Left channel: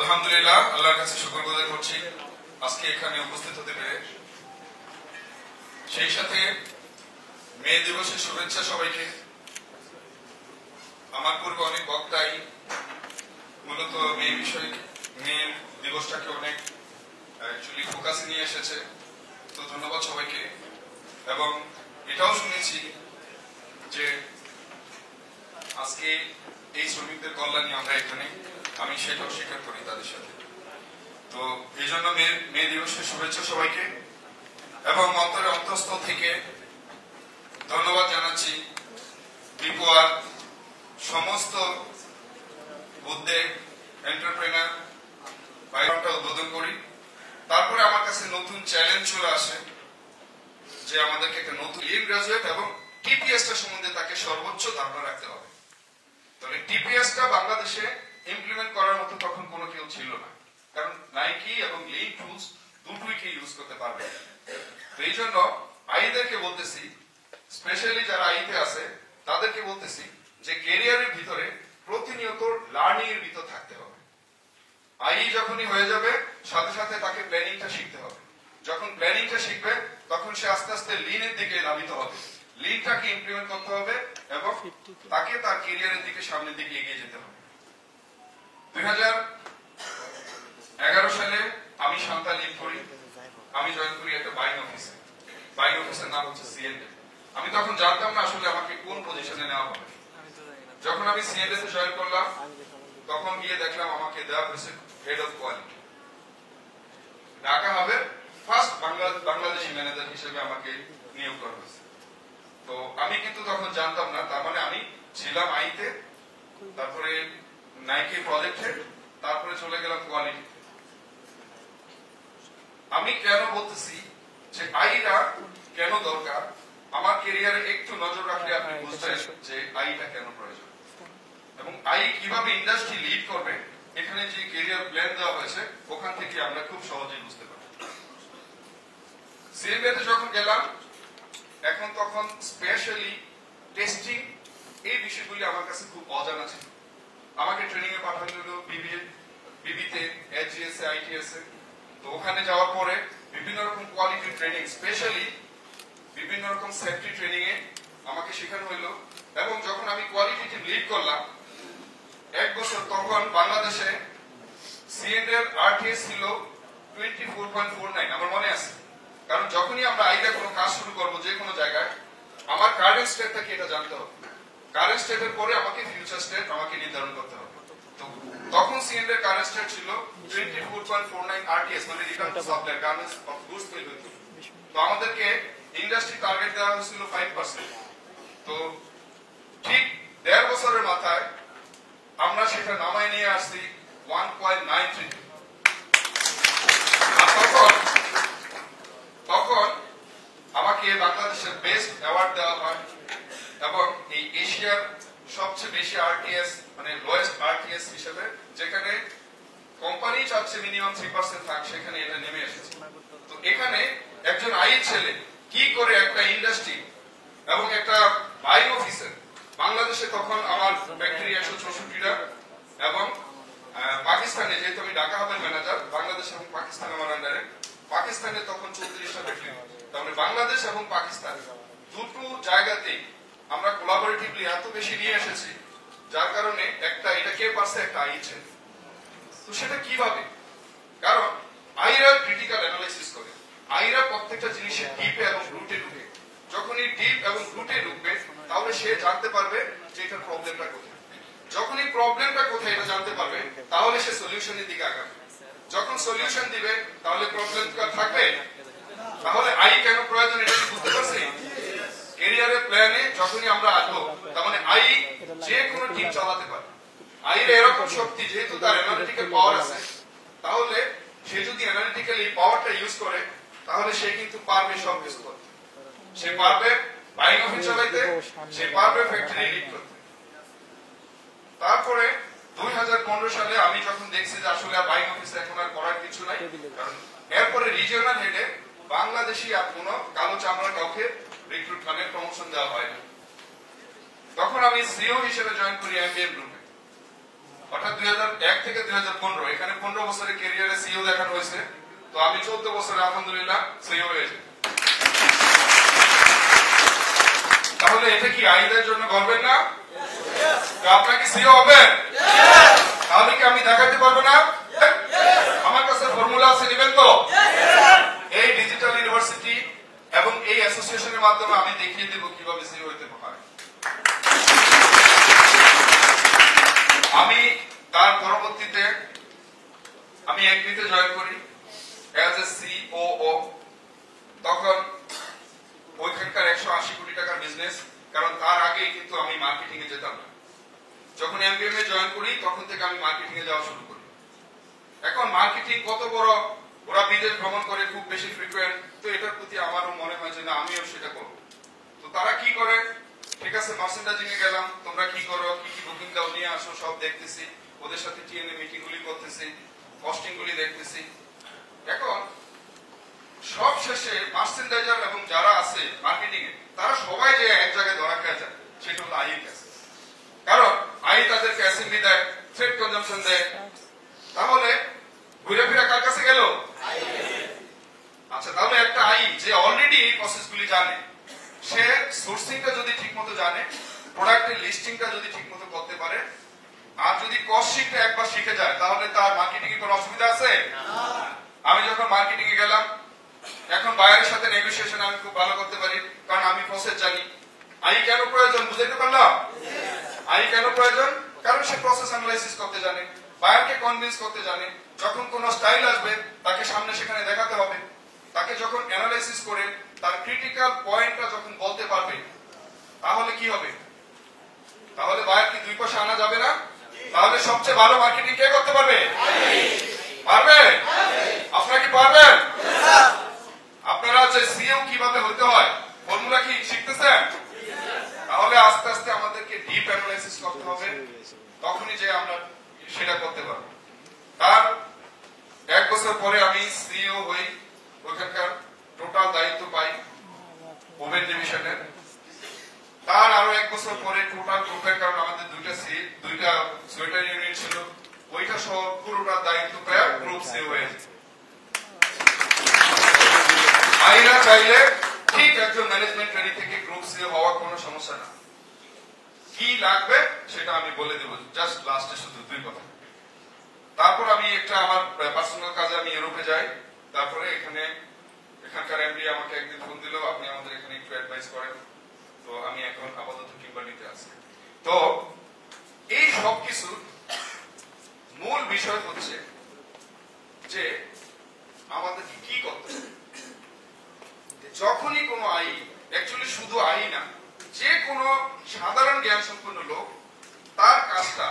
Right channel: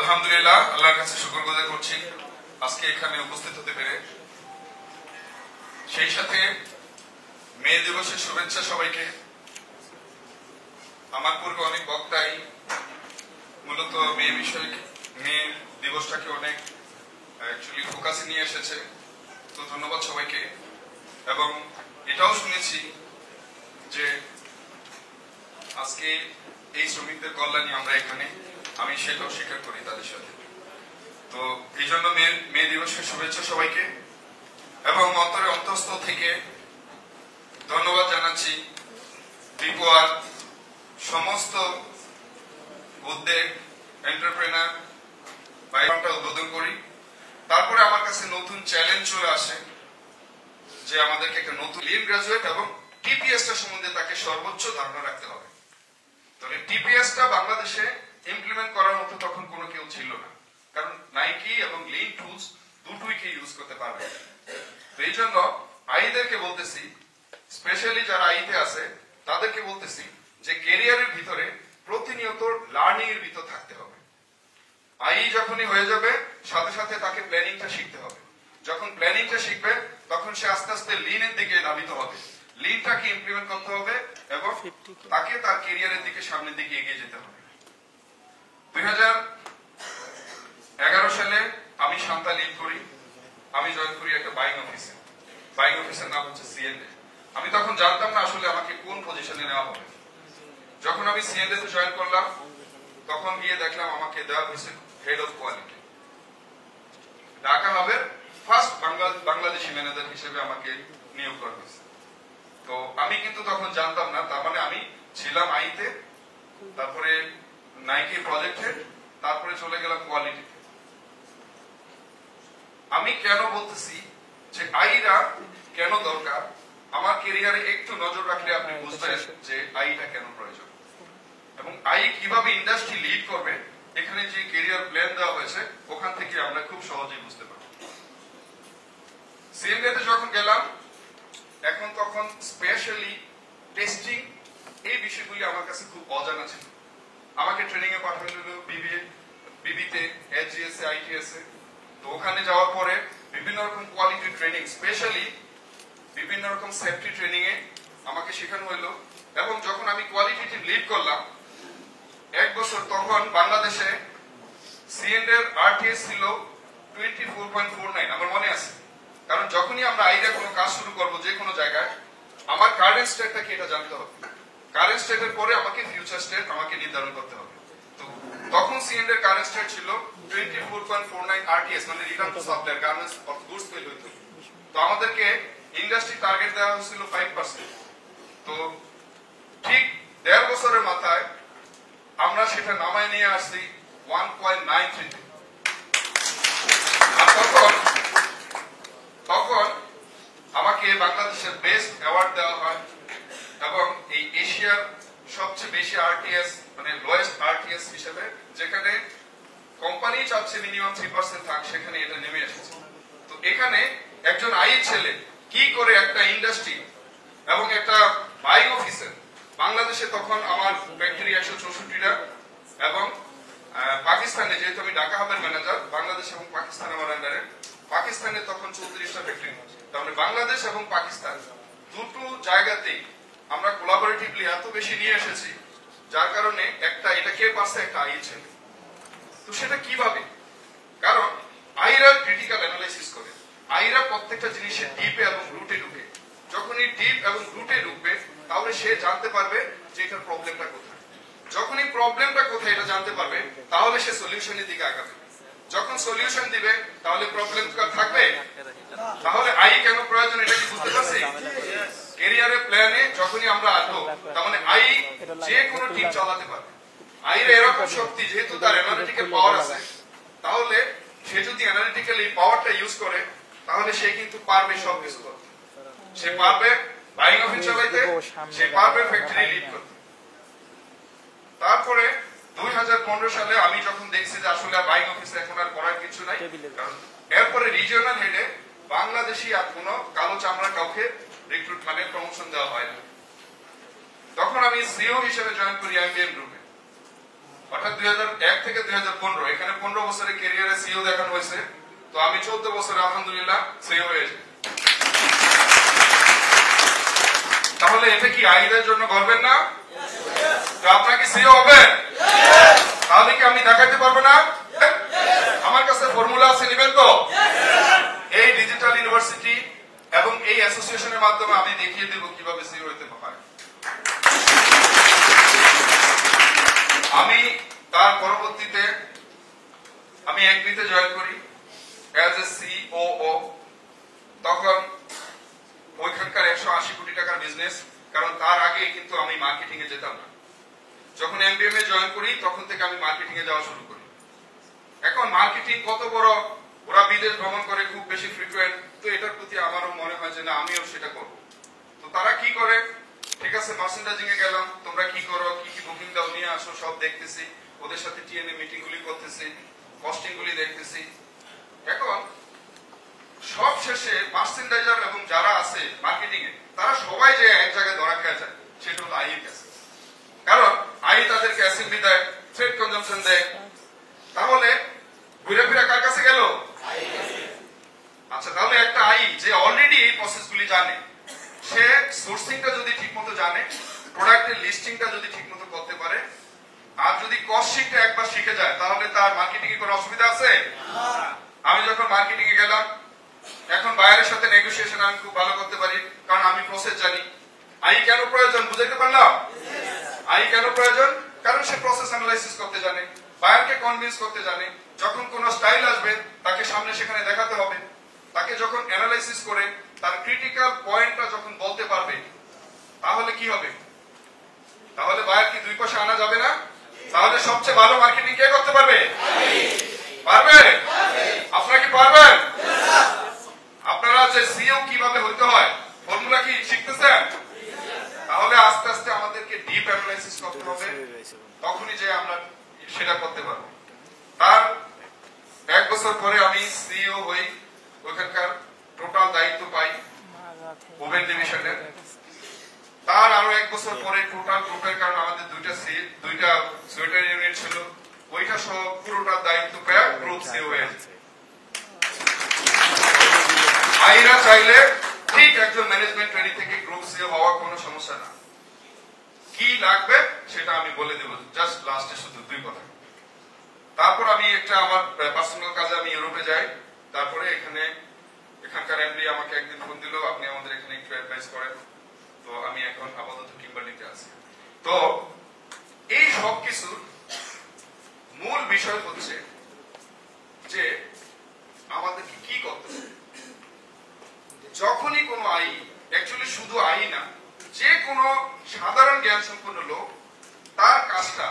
আলহামদুলিল্লাহ, আল্লাহর কাছে শুকরগুজার করছি আজকে এখানে উপস্থিত হতে পেরে। সেই সাথে মে দিবসের শুভেচ্ছা সবাইকে। আমার পূর্বে অনেক বক্তাই মূলত মে দিবসটাকে অনেক অ্যাকচুয়ালি ফোকাসে নিয়ে এসেছে, তো ধন্যবাদ সবাইকে। এবং এটাও শুনেছি যে আজকে এই শ্রমিকদের কল্যাণে আমরা এখানে, আমি সেটাও স্বীকার করি তাদের সাথে। তো এই জন্য মে দিবসের শুভেচ্ছা সবাইকে এবং অন্তরের অন্তঃস্থল থেকে ধন্যবাদ জানাচ্ছি ত্রিপুরার সমস্ত উদ্যোগ এন্টারপ্রেনার বাইরটা উদ্বোধন করি। তারপরে আমার কাছে নতুন চ্যালেঞ্জ চলে আসে যে আমাদেরকে একটা নতুন লিড গ্রাজুয়েট এবং টিপিএসটা সম্বন্ধে তাকে সর্বোচ্চ ধারণা রাখতে হবে। তবে টিপিএসটা বাংলাদেশে ইমপ্লিমেন্ট করার মতো তখন কোনো কেউ ছিল না, কারণ নাইকি এবং লিন টুলস দুটোই কে ইউজ করতে পারবে। তো এই জন্য আইদেরকে বলতেছি, স্পেশালি যারা আইতে আছে তাদেরকে বলতেছি যে ক্যারিয়ারের ভিতরে প্রতিনিয়ত লার্নিং এর ভিতর থাকতে হবে। আই যখনই হয়ে যাবে সাথে সাথে তাকে প্ল্যানিংটা শিখতে হবে। যখন প্ল্যানিংটা শিখবে তখন সে আস্তে আস্তে লিনের দিকে ধাবিত হবে, লিনটাকে ইমপ্লিমেন্ট করতে হবে এবং তাকে তার ক্যারিয়ারের দিকে সামনের দিকে এগিয়ে যেতে হবে। 2011 সালে আমি শান্তা লিড করি, আমি জয়েন করি একটা বাইং অফিসে। বাইং অফিসের নাম হচ্ছে সিএনডি। আমি তখন জানতাম না আসলে আমাকে কোন পজিশনে নেওয়া হবে। যখন আমি সিএনডি তে জয়েন করলাম তখন গিয়ে দেখলাম আমাকে দেওয়া হয়েছে হেড অফ কোয়ালিটি। ঢাকা হাবের ফার্স্ট বাংলাদেশি ম্যানেজার হিসেবে আমাকে নিয়োগ করা হয়েছে। তো আমি কিন্তু তখন জানতাম না, তার মানে আমি ছিলাম আইতে, তারপরে নাইকি প্রজেক্টে, তারপরে চলে গেলাম কোয়ালিটি। আমি কেন বলতেছি যে আইরা কেন দরকার, আমার ক্যারিয়ারে একটু নজর রাখলে আপনি বুঝবেন যে আইটা কেন প্রয়োজন এবং আই কিভাবে ইন্ডাস্ট্রি লিড করবে। এখানে যে ক্যারিয়ার প্ল্যান দেওয়া হয়েছে ওখান থেকে আমরা খুব সহজেই বুঝতে পারি। সিএনডিতে যখন গেলাম এখন তখন স্পেশালি টেস্টিং এই বিষয়গুলি আমার কাছে খুব অজানা ছিল। আমাকে ট্রেনিং এ পাঠানো হলো বিবিতে, এসজিএস এ, আইটিএস এ। তো ওখানে যাওয়ার পরে বিভিন্ন রকম কোয়ালিটি ট্রেনিং, স্পেশালি বিভিন্ন রকম সেফটি ট্রেনিং এ আমাকে শেখানো হলো। এবং যখন আমি কোয়ালিটি টিম লিড করলাম এক বছর, তখন বাংলাদেশে সিএনডি এর আরটিএস ছিল 24.49, আমার মনে আছে। কারণ যখনই আমরা আইডিয়া কোনো কাজ শুরু করবো যে কোনো জায়গায়, আমার কারেন্ট স্টেটটা কি এটা জানতে হবে। কারেন্ট স্টেটের পরে আমাকে ফিউচার স্টেট আমাকে নির্ধারণ করতে হবে। তো তখন সিএনডি এর কারেন্ট স্টেট ছিল 24.49 আরটিএস, মানে return to supplier, garments of goods তৈরি হতো। তো আমাদেরকে ইন্ডাস্ট্রি টার্গেট দেওয়া হয়েছিল 5%। তো ঠিক 1.5 বছরের মাথায় আমরা সেটা নামায় নিয়ে আসছি 1.93। তখন আমাকে বাংলাদেশের বেস্ট অ্যাওয়ার্ড দেওয়া হয় এবং এই এশিয়ার সবচেয়ে বেশি আরটিএস, মানে লোয়েস্ট আরটিএস হিসেবে, যেখানে কোম্পানি চাচ্ছে মিনিমাম 3% থাক, সেখানে এটা নেমে এসেছে। তো এখানে একজন আইর ছেলে কি করে একটা ইন্ডাস্ট্রি এবং একটা বাইং অফিসার, বাংলাদেশে তখন আমার ফ্যাক্টরি 164টা এবং পাকিস্তানে, যেহেতু আমি ঢাকা হাবের ম্যানেজার, বাংলাদেশ এবং পাকিস্তান আমার আন্ডারে, পাকিস্তানে তখন 34টা ফ্যাক্টরি। তাহলে বাংলাদেশ এবং পাকিস্তান দুটো জায়গাতেই আমরা কোলাবোরেটিভলি এত বেশি নিয়ে এসেছি, যার কারণে একটা এটা কে পারছে, একটা আই ছেলে। তো সেটা কিভাবে? কারণ আইরা ক্রিটিক্যাল অ্যানালাইসিস করে, আইরা প্রত্যেকটা জিনিসের ডিপ এবং রুটে ঢুকে। যখনই ডিপ এবং রুটে ঢুকবে তাহলে সে জানতে পারবে যে এটার প্রবলেমটা কোথায়। যখনই প্রবলেমটা কোথায় এটা জানতে পারবে তাহলে সে সলিউশনের দিকে আগাবে। যখন সলিউশন দিবে তাহলে প্রবলেম থাকবে। তাহলে আই কেন প্রয়োজন এটা কি বুঝতে পারছি? ক্যারিয়ারের প্ল্যানে যখনই আমরা আসবো, তার মানে আই যে কোনো টিম চালাতে পারবে। আইয়ের এরকম শক্তি, যেহেতু তার অ্যানালিটিক্যাল পাওয়ার আছে, তাহলে সে যদি অ্যানালিটিক্যাল এই পাওয়ারটা ইউজ করে তাহলে সে কিন্তু পারবে সব কিছু করতে। সে পারবে বাইং অফিস চালাইতে, সে পারবে ফ্যাক্টরি লিড করতে। তারপরে 2015 সালে আমি যখন দেখছি যে আসলে বাইং অফিসে এখন আর করার কিছু নাই, কারণ এরপরে রিজিওনাল হেডে বাংলাদেশি আর কোন কালো চামড়া কাউকে রিক্রুট মানে প্রমোশন দেওয়া হয় না। তখন আমি সিও হিসেবে জয়েন করি এমবিএম গ্রুপে। অর্থাৎ 2001 থেকে 2015 এখানে 15 বছরের ক্যারিয়ারে সিইও দেখানো হয়েছে। তো আমি 14 বছরে আলহামদুলিল্লাহ সিইও হয়েছি। তাহলে এটা কি আইদের জন্য গর্বের না? তো আপনার কি সিইও হবেন? তাহলে কি আমি দেখাতে পারবো না? আমার কাছে ফর্মুলা আছে, নেবেন তো? এই ডিজিটাল ইউনিভার্সিটি এবং এই অ্যাসোসিয়েশনের মাধ্যমে আমি দেখিয়ে দেব কিভাবে সিইও হতে পারে। আমি তার পরবর্তীতে আমি এগ্রিতে জয়েন করি অ্যাজ এ সিওও। তখন ওইখানকার 180 কোটি টাকার বিজনেস, কারণ তার আগে কিন্তু আমি মার্কেটিং এ যেতাম না। যখন এমবিএম এ জয়েন করি তখন থেকে আমি মার্কেটিং এ যাওয়া শুরু করি। এখন মার্কেটিং কত বড়, ওরা বিদেশ ভ্রমণ করে খুব বেশি ফ্রিকুয়েন্ট, তো এটার প্রতি আমারও মনে হয় যে না আমিও সেটা করব। তো তারা কি করে, ঠিক আছে মার্চেন্ডাইজিং এ গেলাম, তোমরা কি করো, কি কি বুকিং দাও নিয়ে আসো, সব দেখতেছি, ওদের সাথে টিএনএ মিটিং গুলি করতেছি, কস্টিং গুলি দেখতেছি। এখন সব শেষে মার্চেন্ডাইজার এবং যারা আছে মার্কেটিং এ তারা সবাই যে এক জায়গায় ধরা খেয়ে যায়, সেটা হলো আই কাছে। কারণ আই তাদেরকে অ্যাসেম্বলি দেয়, ট্রেড কনজাম্পশন দেয়। তাহলে ঘুরে ফিরে কার কাছে গেল? আচ্ছা, তাহলে একটা আই যে অলরেডি এই প্রসেস গুলি জানে, সে সোর্সিংটা যদি ঠিক মতো জানে, প্রোডাক্টের লিস্টিংটা যদি ঠিক মতো করতে পারে, আর যদি কস্টিংটা একবার শিখে যায়, তাহলে তার মার্কেটিং এর কোনো অসুবিধা আছে? আমি যখন মার্কেটিং এ গেলাম, এখন বায়ারের সাথে নেগোসিয়েশন আমি খুব ভালো করতে পারি, কারণ আমি প্রসেস জানি। আই কেন প্রয়োজন বুঝাইতে পারলাম? আই কেন প্রয়োজন? কারণ সে প্রসেস অ্যানালাইসিস করতে জানে, বায়ারকে কনভিন্স করতে জানে। যখন কোন স্টাইল আসবে তাকে সামনে সেখানে দেখাতে হবে, তাকে যখন অ্যানালাইসিস করে তার ক্রিটিক্যাল পয়েন্টটা যখন বলতে পারবে, তাহলে কি হবে? তাহলে বায়ার কি 2 পয়সা আনা যাবে না? তাহলে সবচেয়ে ভালো মার্কেটিং কে করতে পারবে? পারবে? আপনারা কি পারবেন? আপনারা যে সিইও কিভাবে হইতে হয় ফর্মুলা কি শিখতেছেন? তাহলে আস্তে আস্তে আমাদেরকে ডিপ অ্যানালাইসিস করতে হবে, তখনই যে আমরা সেটা করতে পারবো। তার 1 বছর পরে আমি সিইও হই, ওখানকার টোটাল দায়িত্ব পাই ওমেন ডিভিশনের। তার আরো 1 বছর পরে টোটাল গ্রুপের, কারণ আমাদের দুইটা সোয়েটার ইউনিট ছিল, ওইটা সহ পুরোটা দায়িত্ব পেয়ে গ্রুপ সিইও হয়েছে। আইনা চাইলে ঠিক একজন ম্যানেজমেন্ট ট্রেনি থেকে গ্রুপ সিইও হওয়ার কোনো সমস্যা না। কি লাগবে সেটা আমি বলে দেব, জাস্ট লাস্টে শুধু 2 কথা। তারপর আমি একটা আমার পার্সোনাল কাজে আমি ইউরোপে যাই। তারপরে এখানকার এমডি আমাকে একদিন ফোন দিল, আপনি আমাদের এখানে একটু অ্যাডভাইস করেন। তো আমি এখন আপাতত কিম্বার্লিতে আছি। তো এই সব কিছুর মূল বিষয় হচ্ছে যে আমাদের কি করতে হবে। যখনই কোনো আই, অ্যাকচুয়ালি শুধু আই না, যে কোনো সাধারণ জ্ঞান সম্পন্ন লোক তার কাজটা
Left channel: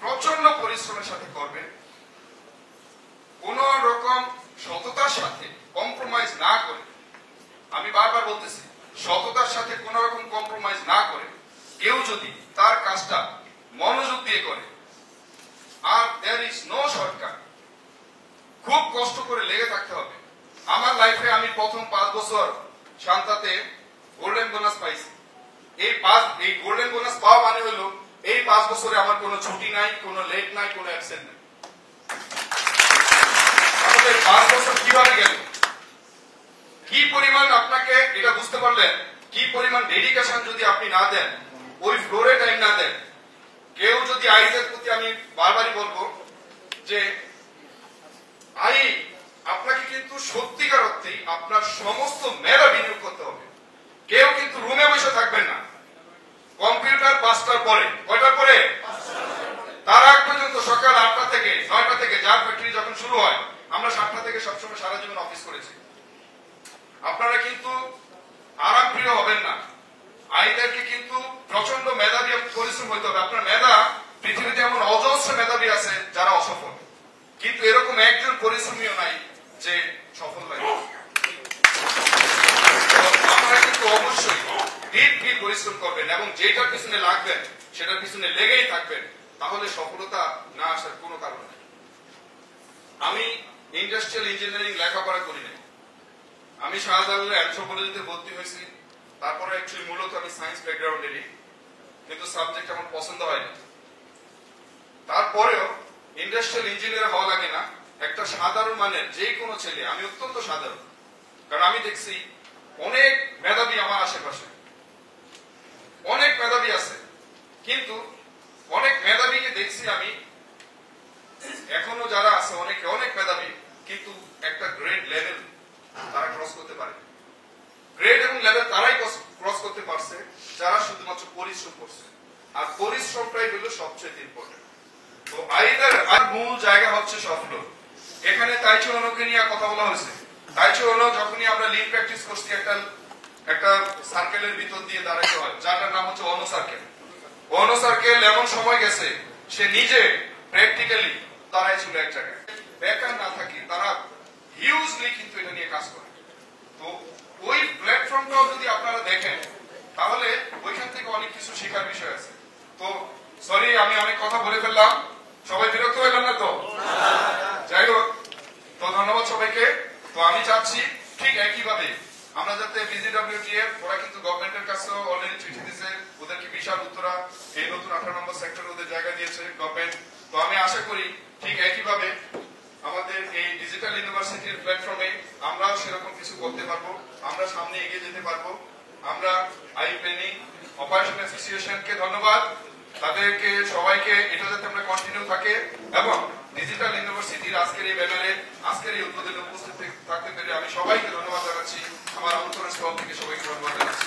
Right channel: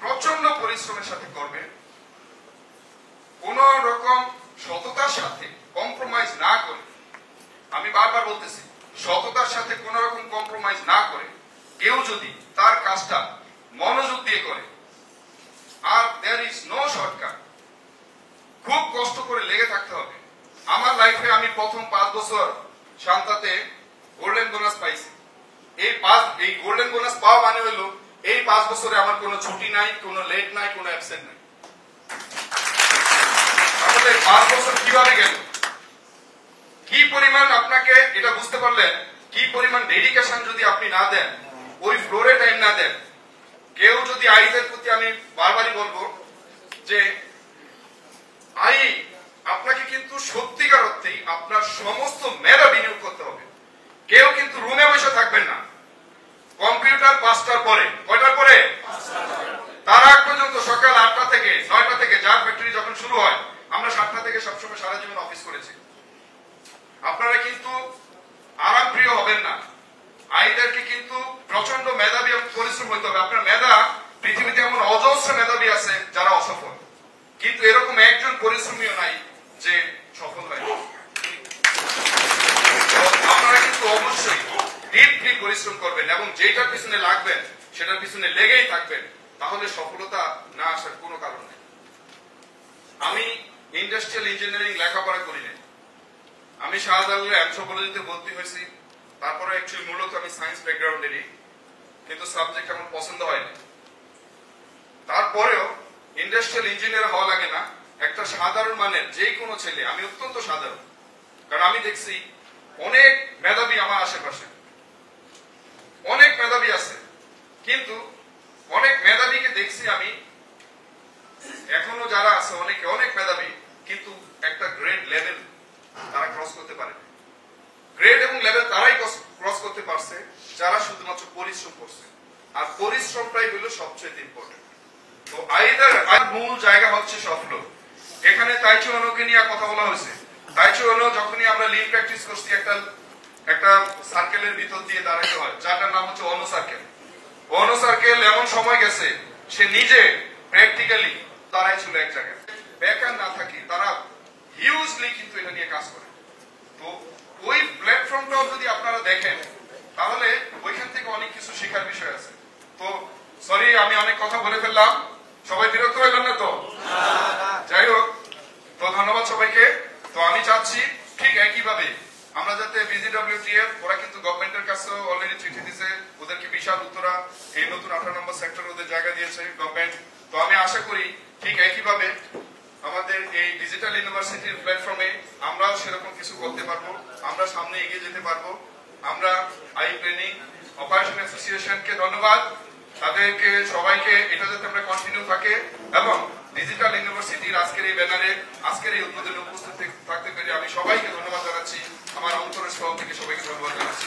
প্রচন্ড পরিশ্রমের সাথে করবে, কোন রকম সততার সাথে কম্প্রোমাইজ না করে, আমি বারবার বলতেছি সততার সাথে কোন রকম কম্প্রোমাইজ না করে কেউ যদি তার কাজটা মনোযোগ দিয়ে করে, আর দেয়ার ইজ নো শর্টকাট, খুব কষ্ট করে লেগে থাকতে হবে। আমার লাইফে আমি প্রথম 5 বছর শান্তাতে গোল্ডেন বোনাস পাইছি। এই গোল্ডেন বোনাস পাওয়া মানে হইল এই 5 বছরে আমার কোনো ছুটি নাই, কোনো লেট নাই, কোনো অ্যাবসেন্ট নাই। তাহলে 5 বছর কিভাবে গেল, কি পরিমাণ আপনাকে এটা বুঝতে পারলেন, কি পরিমাণ ডেডিকেশন যদি আপনি না দেন, ওই ফ্লোরে টাইম না দেন। কেউ যদি আইদের প্রতি আমি বারবারই বলবো যে আই আপনাকে কিন্তু সত্যিকার অর্থেই আপনার সমস্ত মেধা বিনিয়োগ করতে হবে। কেউ কিন্তু রুমে বসে থাকবেন না। কম্পিউটার 5টার পরে, কয়টার পরে? তার আগ পর্যন্ত সকাল 8টা থেকে 9টা থেকে, যার ফ্যাক্টরি যখন শুরু হয়, আমরা 7টা থেকে সবসময় সারা জীবন অফিস করেছি। আপনারা কিন্তু আরাম প্রিয় হবেন না। আইদেরকে কিন্তু প্রচন্ড মেধাবী পরিশ্রম হইতে হবে। আপনার মেধা, পৃথিবীতে এমন অজস্র মেধাবী আছে যারা অসফল, কিন্তু এরকম একজন পরিশ্রমীও নাই যে সফল হয়। আপনারা কিন্তু অবশ্যই ডিপলি পরিশ্রম করবেন এবং যেটার পিছনে লাগবেন সেটার পিছনে লেগেই থাকবেন, তাহলে সফলতা না আসার কোনো কারণ নেই। আমি ইন্ডাস্ট্রিয়াল ইঞ্জিনিয়ারিং লেখাপড়া করি নাই। আমি শাহজালালের অ্যানথ্রোপোলজিতে ভর্তি হয়েছি। তারপরে অ্যাকচুয়ালি মূলত আমি সায়েন্স ব্যাকগ্রাউন্ডেরই, কিন্তু সাবজেক্ট আমার পছন্দ হয়নি। তারপরেও ইন্ডাস্ট্রিয়াল ইঞ্জিনিয়ার হওয়া লাগে না, একটা সাধারণ মানের যে কোনো ছেলে, আমি অত্যন্ত সাধারণ, কারণ আমি দেখছি অনেক মেধাবী আমার আশেপাশে, অনেক মেধাবী আছে, কিন্তু অনেক মেধাবীকে দেখছি আমি এখনো যারা আছে অনেকে অনেক মেধাবী, কিন্তু একটা গ্রেড লেভেল তারা ক্রস করতে পারে। গ্রেড এবং লেভেল তারাই ক্রস করতে পারছে যারা শুধুমাত্র পরিশ্রম করছে, আর পরিশ্রমটাই হলো সবচেয়ে ইম্পর্টেন্ট। তো আর মূল জায়গা হচ্ছে স্বপ্ন। এখানে তাইচু অনোকে নিয়ে কথা বলা হয়েছে। তাইচু অনো যখনই আমরা লিন প্র্যাকটিস করছি একটা সার্কেলের ভিতর দিয়ে দাঁড়াতে হয়, যার নাম হচ্ছে অনো সার্কেল। অনো সার্কেল এমন সময় গেছে সে নিজে প্র্যাকটিক্যালি তারাই ছিল এক জায়গায়, বেকার না থাকি তারা হিউজলি কিন্তু এটা নিয়ে কাজ করে। তো ওই প্ল্যাটফর্মটাও যদি আপনারা দেখেন তাহলে ওইখান থেকে অনেক কিছু শেখার বিষয় আছে। তো সরি আমি অনেক কথা বলে ফেললাম, সবাই বিরক্ত হইলেন না তো? যাই হোক, তো ধন্যবাদ সবাইকে। তো আমি চাচ্ছি ঠিক একইভাবে আমরা যাতে বিজিডব্লিউটিএফ, ওরা কিন্তু গভর্নমেন্টের কাছে অলরেডি চিঠি দিয়েছে, ওদেরকে বিশাল উত্তরা এই নতুন 18 নম্বর সেক্টর ওদের জায়গা দিয়েছে গভর্নমেন্ট। তো আমি আশা করি ঠিক একইভাবে আমাদের এই ডিজিটাল ইউনিভার্সিটির প্ল্যাটফর্মে আমরাও সেরকম কিছু করতে পারবো, আমরা সামনে এগিয়ে যেতে পারবো। আমরা আই ট্রেনিং অপারেশন অ্যাসোসিয়েশনকে ধন্যবাদ, তাদেরকে সবাইকে এটা যাতে আমরা কন্টিনিউ থাকে, এবং ডিজিটাল ইউনিভার্সিটির আজকের এই ব্যানারে আজকের এই উদ্বোধনে উপস্থিত থাকতে পেরে আমি সবাইকে ধন্যবাদ জানাচ্ছি, আমার অন্তরস্থল থেকে সবাইকে ধন্যবাদ জানাচ্ছি।